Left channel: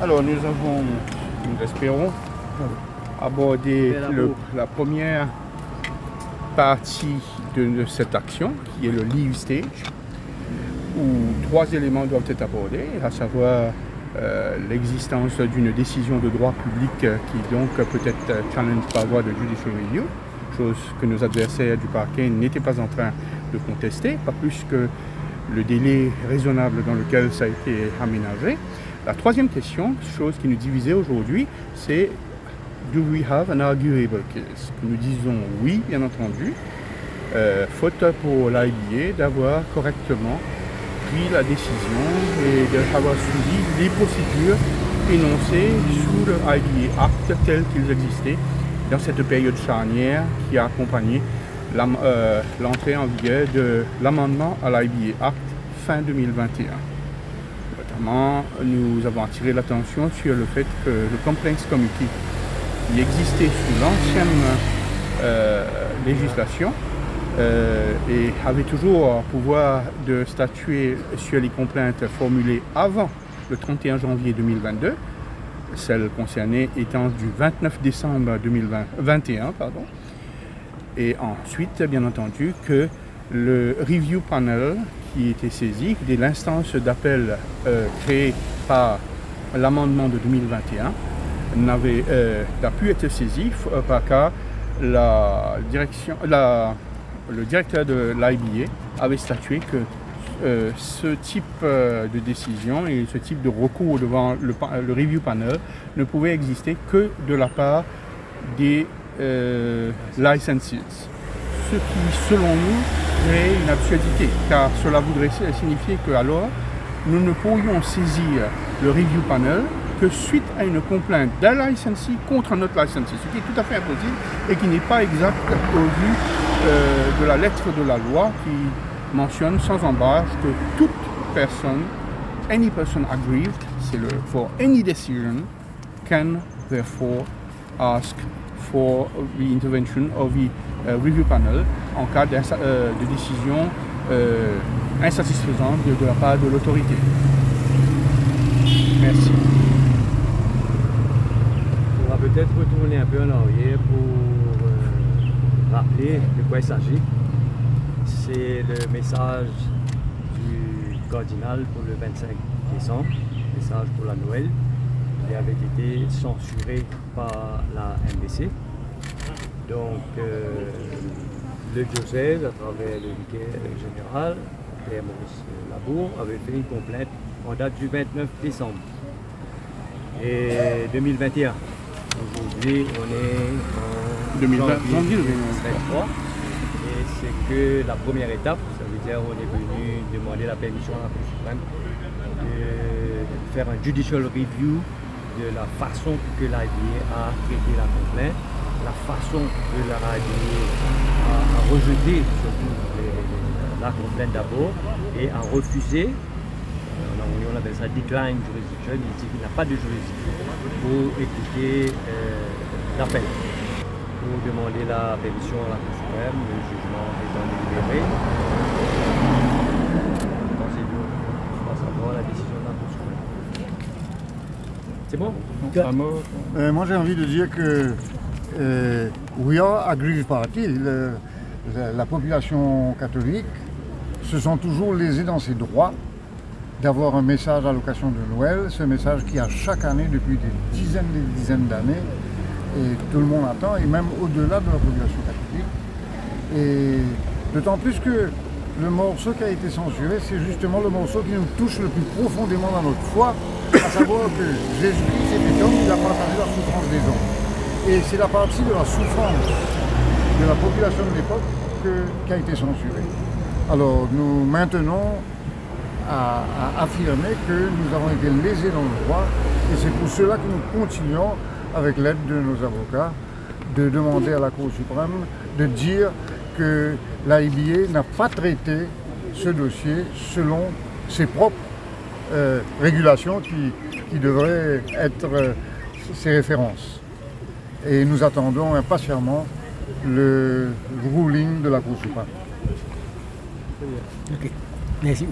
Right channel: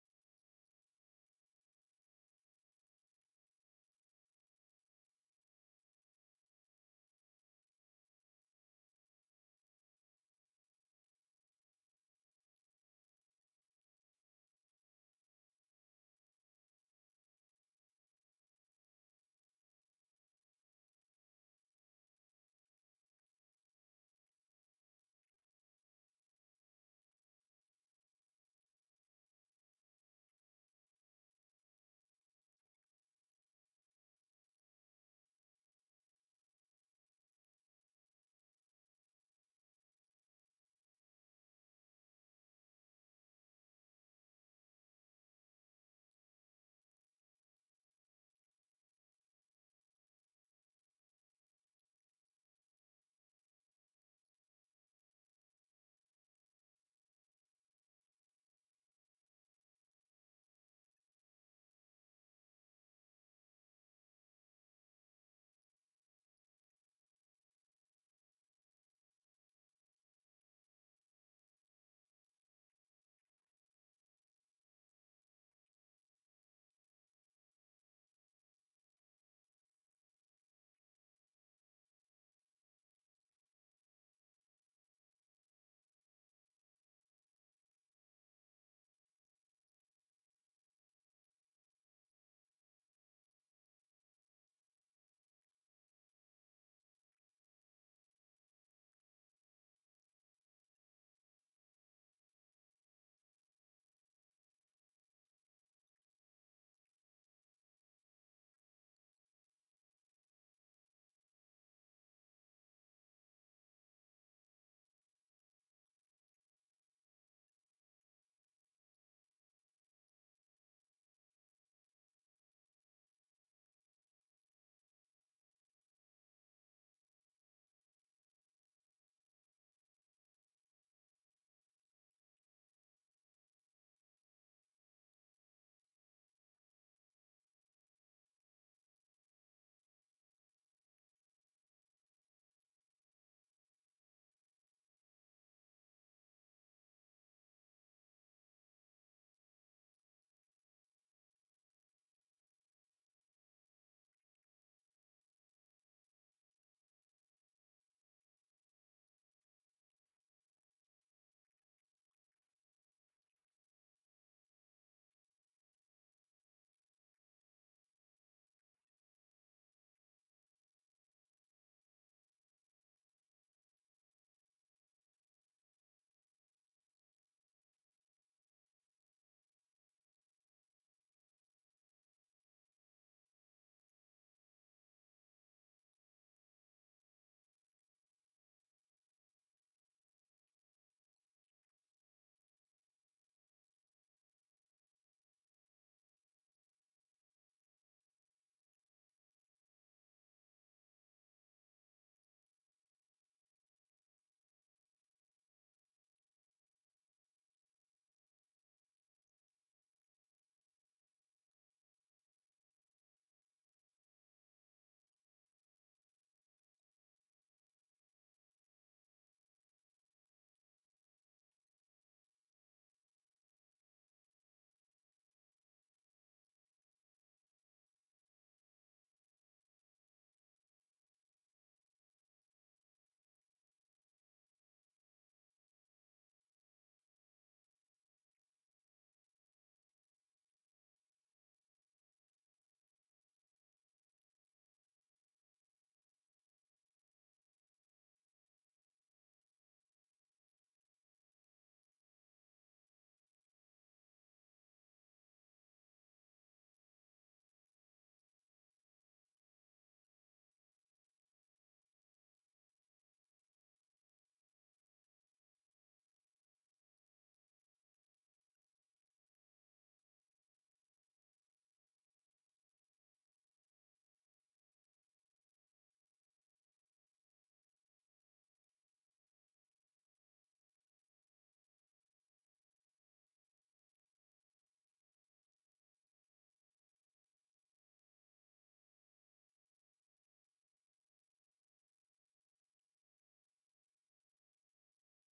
Alors nous espérons aborder la première partie de cette action, qui est le leave stage, où 3 éléments doivent être abordés, à savoir l'existence d'une décision de droit public qui donc peut être challenge par voie de judicial review, chose que nos adversaires du parquet n'étaient pas en train de contester, pas plus que le délai raisonnable dans lequel ça a été aménagé. La troisième question, chose qui nous divisait aujourd'hui, c'est do we have an arguable case? Nous disons oui, bien entendu, faute pour l'IBA d'avoir correctement pris la décision et d'avoir suivi les procédures énoncées sous le IBA Act tels qu'ils existaient dans cette période charnière qui a accompagné l'entrée en vigueur de l'amendement à l'IBA Act fin 2021. Notamment, nous avons attiré l'attention sur le fait que le Complaints Committee qui existait sous l'ancienne législation et avait toujours pouvoir de statuer sur les complaintes formulées avant le 31 janvier 2022, celles concernées étant du 29 décembre 2021, et ensuite, bien entendu, que le Review Panel qui était saisi dès l'instance d'appel créée par l'amendement de 2021 n'a pu être saisi car le directeur de l'IBA avait statué que ce type de décision et ce type de recours devant le Review Panel ne pouvait exister que de la part des licenses. Ce qui, selon nous, est une absurdité, car cela voudrait signifier que alors nous ne pourrions saisir le Review Panel que suite à une complainte d'un licensee contre un autre licensee, ce qui est tout à fait impossible et qui n'est pas exact au vu de la lettre de la loi qui mentionne sans embâche que toute personne, any person aggrieved, c'est le for any decision, can therefore ask for the intervention of the review panel en cas de décision insatisfaisante de la part de l'autorité. Merci. On va peut-être retourner un peu en arrière pour rappeler de quoi il s'agit. C'est le message du cardinal pour le 25 décembre, message pour la Noël, qui avait été censuré par la MBC. Donc, le diocèse, à travers le vicaire général, Père Maurice Labour, avait fait une complainte en date du 29 décembre et 2021. Aujourd'hui, on est en 2023 et c'est que la première étape, ça veut dire on est venu demander la permission à la Cour suprême de faire un judicial review de la façon que l'IBA a traité la complainte, la façon que l'IBA a rejeté surtout la complainte d'abord et a refusé, on appelle ça decline jurisdiction, il dit qu'il n'a pas de juridiction pour écouter l'appel, pour demander la permission à la Cour suprême, le jugement étant délibéré. La décision de la Cour suprême. C'est bon? Moi j'ai envie de dire que we are aggrieved party. La population catholique se sent toujours lésée dans ses droits d'avoir un message à l'occasion de Noël, ce message qui a chaque année depuis des dizaines d'années, et tout le monde attend, et même au-delà de la population catholique. Et d'autant plus que le morceau qui a été censuré, c'est justement le morceau qui nous touche le plus profondément dans notre foi, à savoir que Jésus-Christ était homme, il a partagé la souffrance des hommes. Et c'est la partie de la souffrance de la population de l'époque qui a été censurée. Alors nous maintenons à affirmer que nous avons été lésés dans le droit, et c'est pour cela que nous continuons, avec l'aide de nos avocats, de demander à la Cour suprême de dire que l'IBA n'a pas traité ce dossier selon ses propres régulations qui devraient être ses références. Et nous attendons impatiemment le ruling de la Cour suprême. Ok, merci.